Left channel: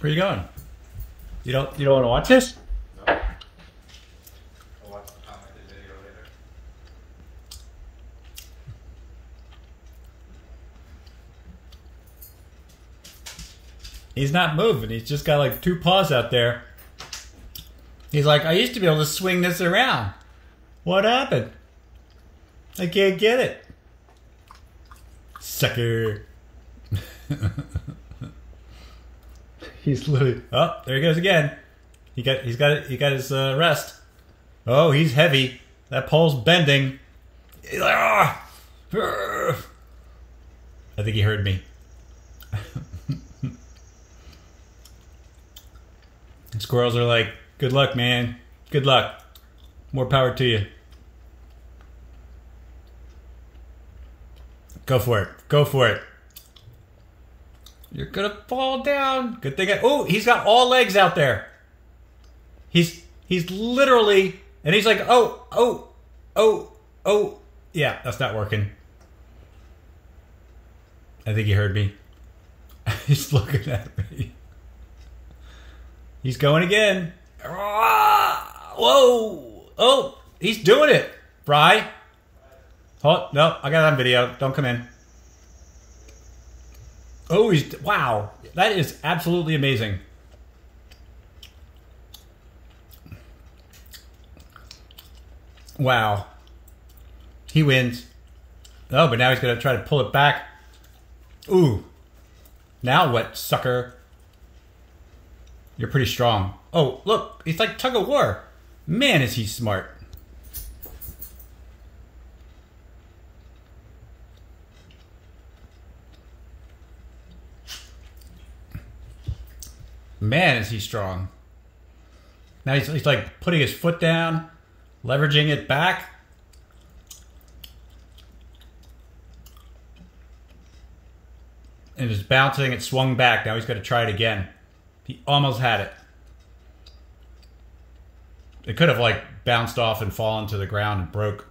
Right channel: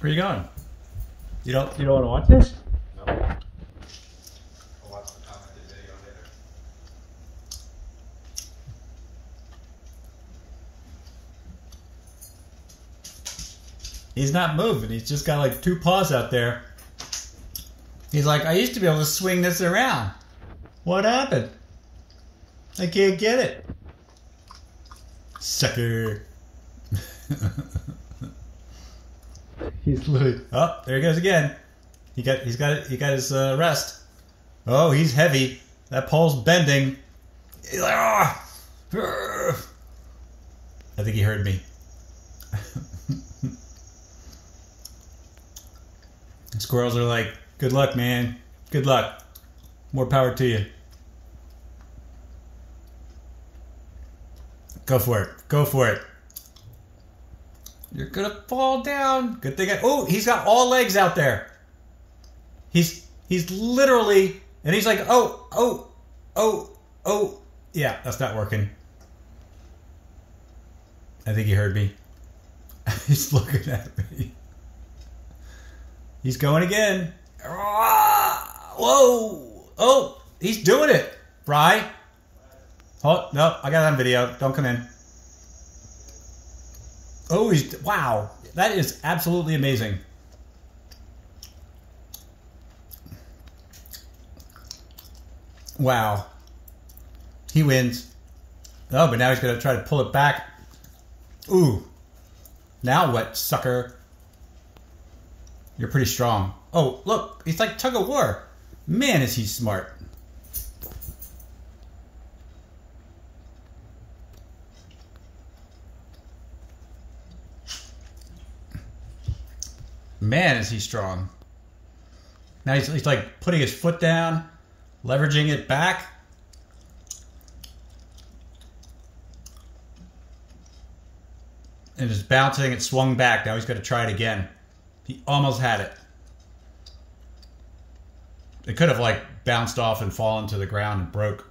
Where you going? You don't want to watch this? No. I'll watch the commented video later. He's not moving. He's just got like 2 paws out there. He's like, I used to be able to swing this around. What happened? I can't get it. Sucker. He's literally. Oh, there he goes again. He got his rest. Oh, he's heavy. That pole's bending. He's like, ah. I think he heard me. Squirrels are like, good luck, man. Good luck. More power to you. Go for it. Go for it. You're gonna fall down. Good thing oh, he's got all legs out there. He's literally, and he's like, oh. Yeah, that's not working. I think he heard me. He's looking at me. He's going again. Whoa. Oh, he's doing it. Fry. Oh, no, I got it on video. Don't come in. Oh, wow. That is absolutely amazing. Wow. He wins. Oh, but now he's going to try to pull it back. Ooh. Now what, sucker? You're pretty strong. Oh, look. He's like tug of war. Man, is he smart. Man, is he strong. Now he's like putting his foot down, leveraging it back. And just bouncing, it swung back. Now he's going to try it again. He almost had it. It could have like bounced off and fallen to the ground and broke.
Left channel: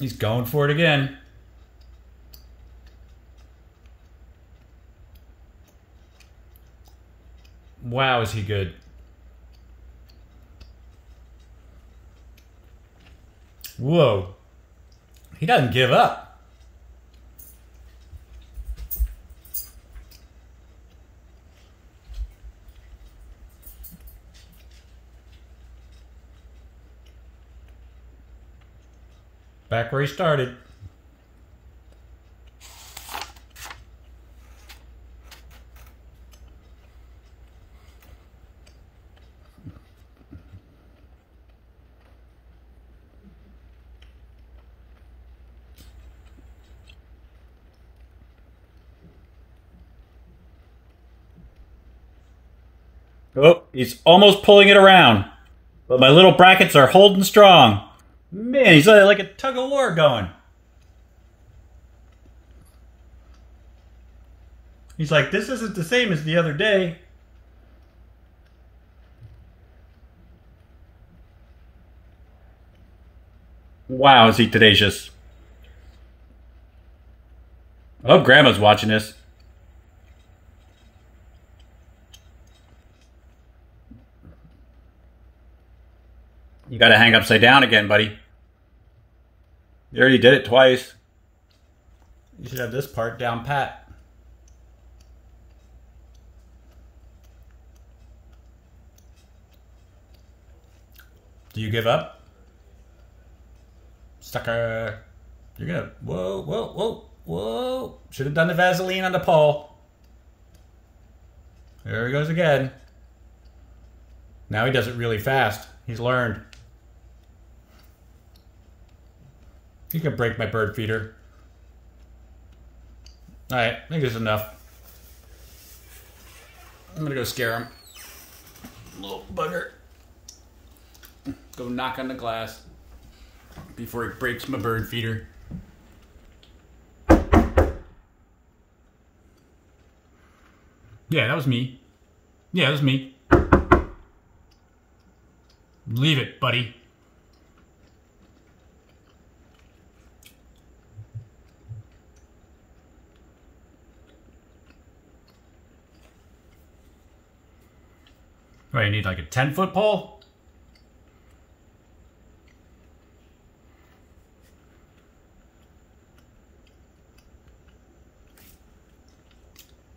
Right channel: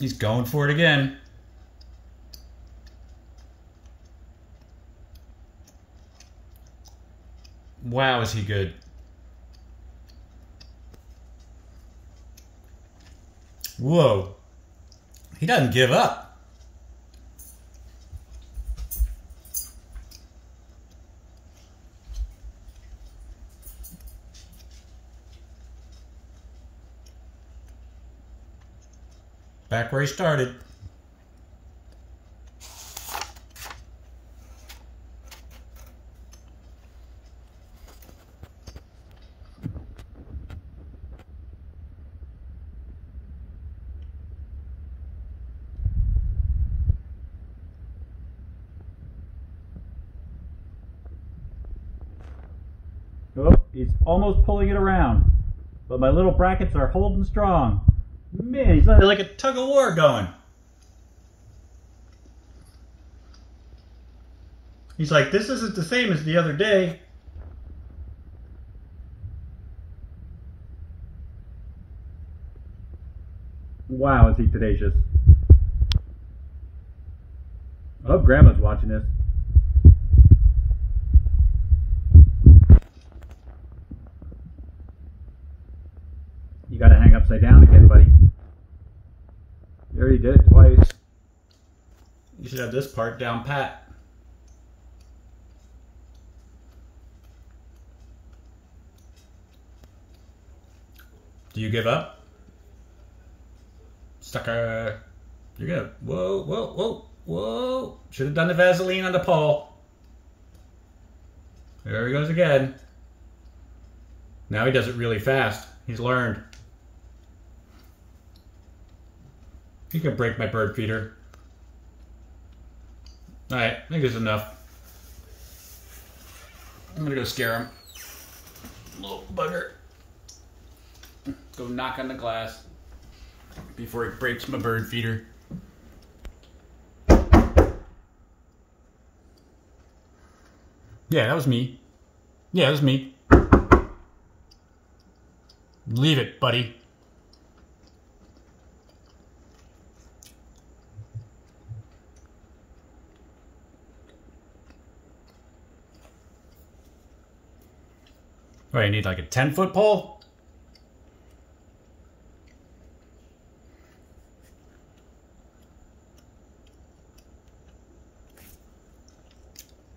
He's going for it again. Wow, is he good. Whoa. He doesn't give up. Back where he started. Oh, he's almost pulling it around. But my little brackets are holding strong. Man, he's like a tug of war going. He's like, this isn't the same as the other day. Wow, is he tenacious. Oh, Grandma's watching this. You gotta hang upside down again, buddy. You already did it twice. You should have this part down pat. Do you give up? Sucker. You're gonna, whoa. Should have done the Vaseline on the pole. There he goes again. Now he does it really fast. He's learned. He's gonna break my bird feeder. Alright, I think this is enough. I'm gonna go scare him. Little bugger. Go knock on the glass before he breaks my bird feeder. Yeah, that was me. Yeah, that was me. Leave it, buddy. What, you need like a 10-foot pole?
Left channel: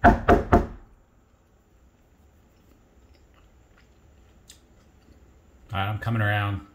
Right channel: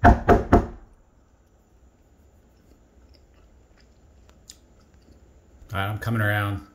Alright, I'm coming around.